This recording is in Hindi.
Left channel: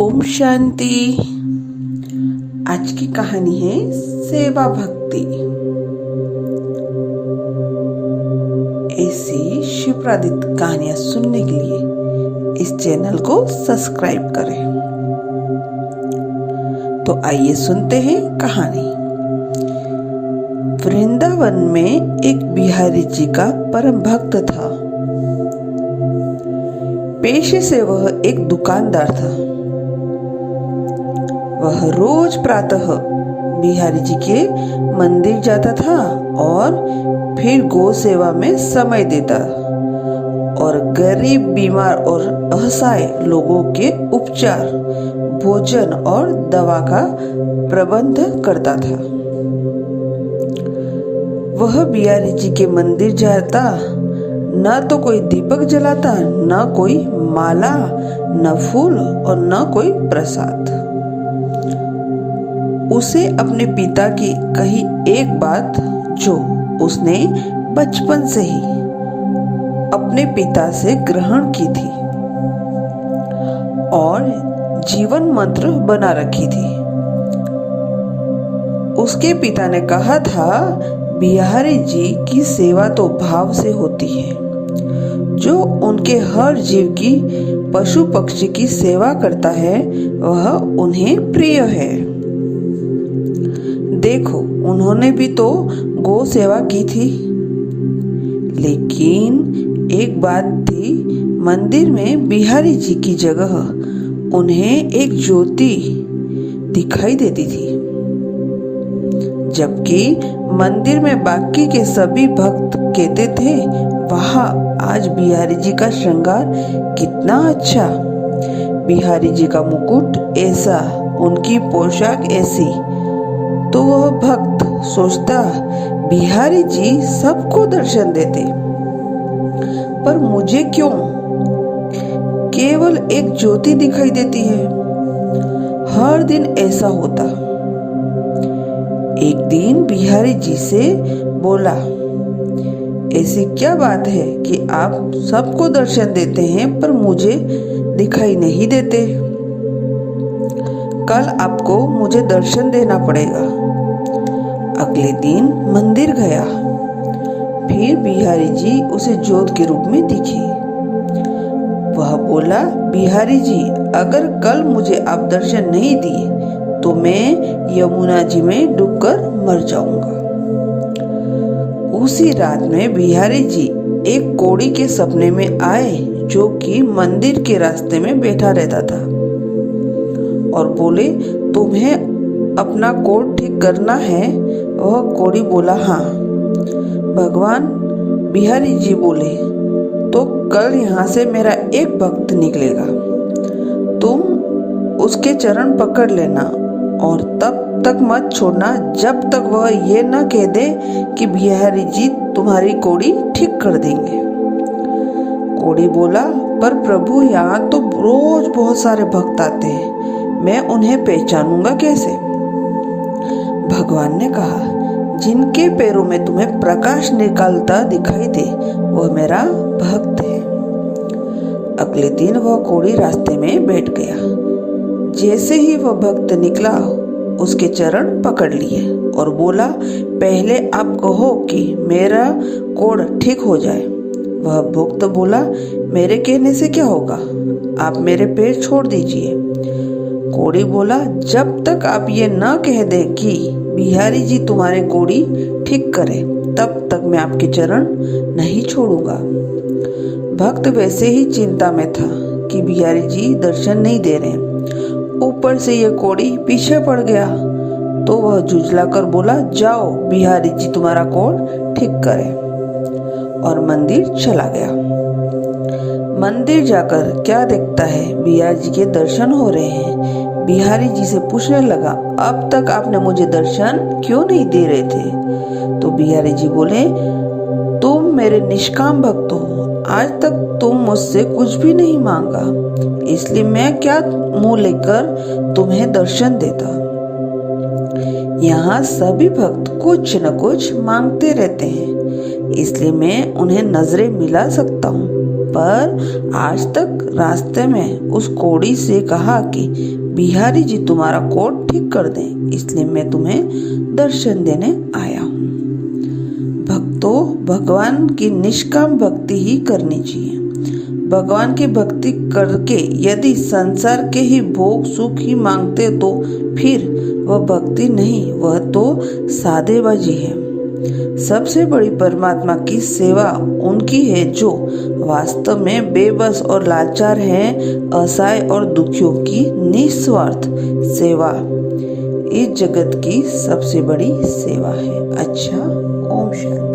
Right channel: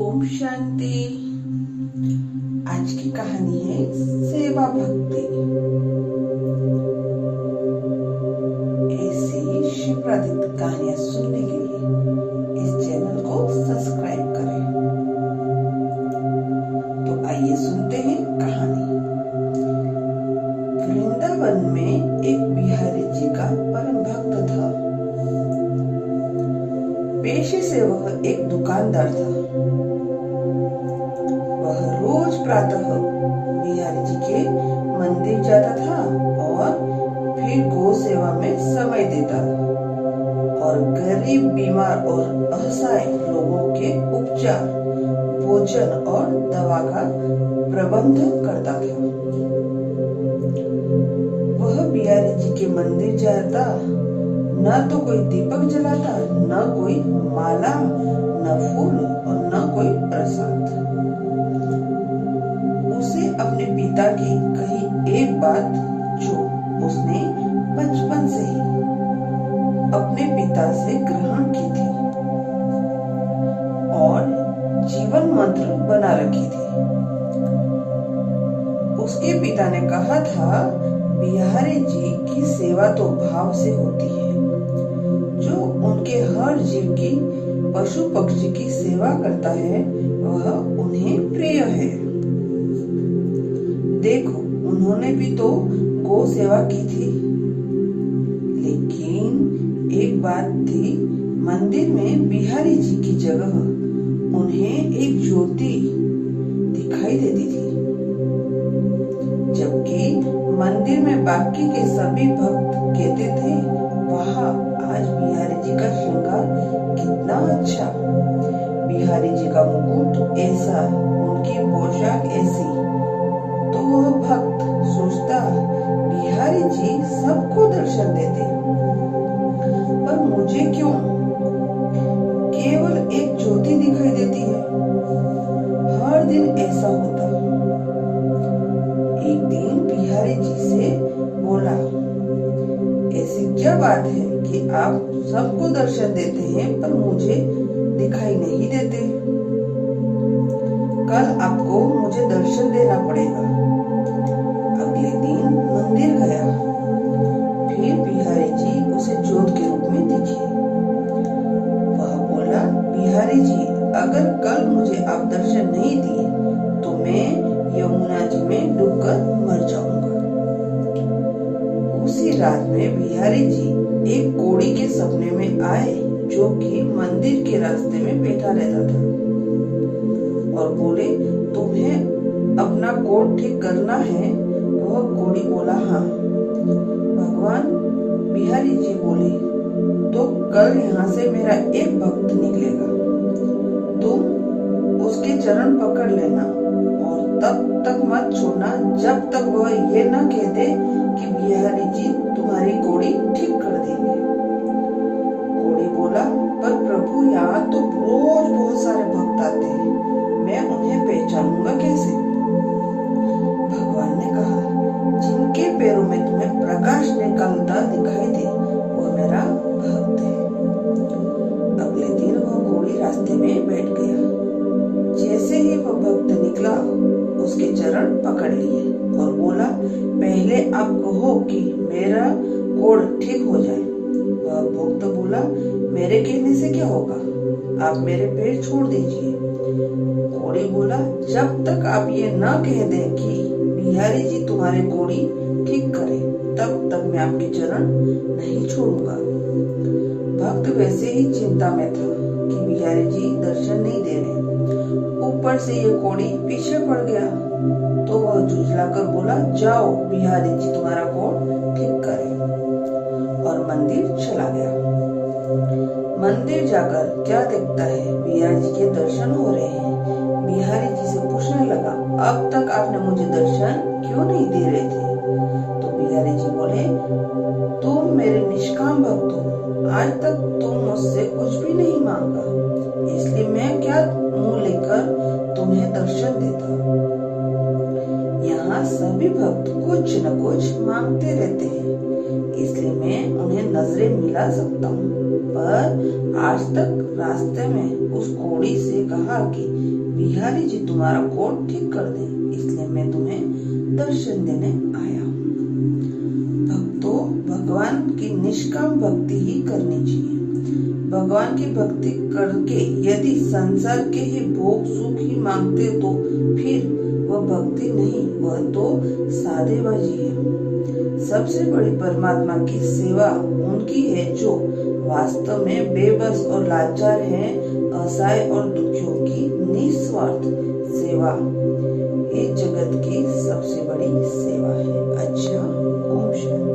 ओम शांति। आज की कहानी है सेवा भक्ति। ऐसी शिवप्रदित कहानियां सुनने के लिए इस चैनल को सब्सक्राइब करें। तो आइए सुनते हैं कहानी। वृंदावन में एक बिहारी जी का परम भक्त था। पेशे से वह एक दुकानदार था। वह रोज प्रातः बिहारी जी के मंदिर जाता था और फिर गौ सेवा में समय देता और गरीब, बीमार और असहाय लोगों के उपचार, भोजन और दवा का प्रबंध करता था। वह बिहारी जी के मंदिर जाता, न तो कोई दीपक जलाता, न कोई माला, न फूल और न कोई प्रसाद। उसे अपने पिता की कही एक बात जो उसने बचपन से ही अपने पिता से ग्रहण की थी और जीवन मंत्र बना रखी थी। उसके पिता ने कहा था, बिहारी जी की सेवा तो भाव से होती है। जो उनके हर जीव की, पशु पक्षी की सेवा करता है वह उन्हें प्रिय है। देखो, उन्होंने भी तो गौ सेवा की थी। लेकिन एक बात थी, मंदिर में बिहारी जी की जगह उन्हें एक ज्योति दिखाई देती थी, जबकि मंदिर में बाकी के सभी भक्त कहते थे, वाह, आज बिहारी जी का श्रृंगार कितना अच्छा, बिहारी जी का मुकुट ऐसा, उनकी पोशाक ऐसी। तो वह भक्त सोचता, बिहारी जी सबको दर्शन देते, पर मुझे क्यों केवल एक ज्योति दिखाई देती है। हर दिन ऐसा होता। एक दिन बिहारी जी से बोला, ऐसी क्या बात है कि आप सबको दर्शन देते हैं पर मुझे दिखाई नहीं देते। कल आपको मुझे दर्शन देना पड़ेगा। अगले दिन मंदिर गया। फिर बिहारी जी उसे ज्योत के रूप में दिखे। वह बोला, बिहारी जी, अगर कल मुझे आप दर्शन नहीं दिए तो मैं यमुना जी में डूबकर मर जाऊंगा। उसी रात में बिहारी जी एक कोढ़ी के सपने में आए, जो कि मंदिर के रास्ते में बैठा रहता था, और बोले, तुम्हें अपना कोढ़ ठीक करना है। वह कोढ़ी बोला, हाँ। भगवान बिहारी जी बोले, तो कल यहाँ से मेरा एक भक्त निकलेगा, तुम उसके चरण पकड़ लेना और तब तक मत छोड़ना जब तक वह ये न कह दे कि बिहारी जी तुम्हारी कोढ़ी ठीक कर देंगे। कोढ़ी बोला, पर प्रभु, यहाँ तो रोज बहुत सारे भक्त आते हैं, मैं उन्हें पहचानूंगा कैसे? भगवान ने कहा, जिनके पैरों में तुम्हें प्रकाश निकलता दिखाई दे वह मेरा भक्त है। अगले दिन वह कोढ़ी रास्ते में बैठ गया। जैसे ही वह भक्त निकला, उसके चरण पकड़ लिए और बोला, पहले आप कहो कि मेरा कोढ़ ठीक हो जाए। वह भक्त बोला, मेरे कहने से क्या होगा, आप मेरे पैर छोड़ दीजिए। कोढ़ी बोला, जब तक आप ये न कह दें कि बिहारी जी तुम्हारे कोढ़ी ठीक करे, तब तक मैं आपके चरण नहीं छोड़ूंगा। भक्त वैसे ही चिंता में था कि बिहारी जी दर्शन नहीं दे रहे। ऊपर से ये कोढ़ी पीछे पड़ गया, तो वह झुंझलाकर बोला, जाओ, बिहारी जी तुम्हारा कोढ़ ठीक करे, और मंदिर चला गया। मंदिर जाकर क्या देखता है, बिहारी जी के दर्शन हो रहे हैं। बिहारी जी से पूछने लगा, अब तक आपने मुझे दर्शन क्यों नहीं दे रहे थे? तो बिहारी जी बोले, तुम मेरे निष्काम भक्त हो, आज तक तुम मुझसे कुछ भी नहीं मांगा, इसलिए मैं क्या मुंह लेकर तुम्हें दर्शन देता। यहाँ सभी भक्त कुछ न कुछ मांगते रहते हैं, इसलिए मैं उन्हें नजरें मिला सकता हूँ। पर आज तक रास्ते में उस कोढ़ी से कहा कि बिहारी जी तुम्हारा कोट ठीक कर दें, इसलिए मैं तुम्हें दर्शन देने आया हूँ। भक्तों, भगवान की निष्काम भक्ति ही करनी चाहिए। भगवान की भक्ति करके यदि संसार के ही भोग सुख ही मांगते तो फिर वह भक्ति नहीं, वह तो सादेबाजी है। सबसे बड़ी परमात्मा की सेवा उनकी है जो वास्तव में बेबस और लाचार हैं। असहाय और दुखियों की निस्वार्थ सेवा इस जगत की सबसे बड़ी सेवा है। अच्छा, ओम शांति।